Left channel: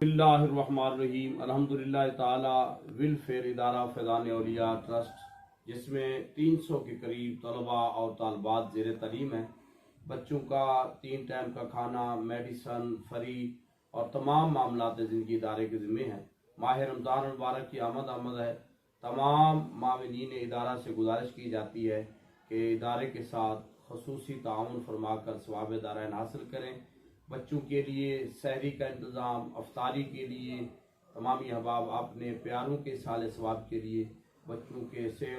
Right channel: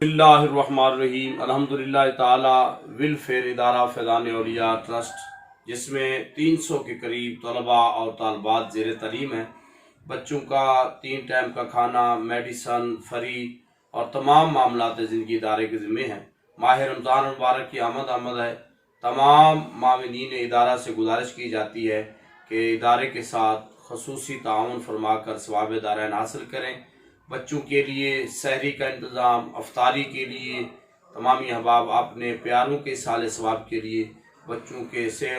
बिस्मिल्लाहिर्रहमानिर्रहीम। अल्हम्दुलिल्लाह ताला वेलफेयर इदारा फैज़ान औलिया ट्रस्ट, जिसमें 300 के करीब तलबा और तालबात ज़ेर तालीम हैं। बच्चों का 3 टाइम का खाना, मेडिसन फ्री और तमाम मामलात ज़िंदगी इदारे के ज़िम्मे हैं। माह रमज़ान मुबारक की आमद है। तमाम मामिनीन इदारा से गुजारिश की जाती है कि इदारे के साथ खसूसी ताउन फरमाकर सवाब दारैन हासिल करें। बच्चों के लिए सहरी का इंतज़ाम, अफ्तारी के लिए तमामी अहबाब अपने प्यारों के साले सवाब के लिए बच्चों के सैर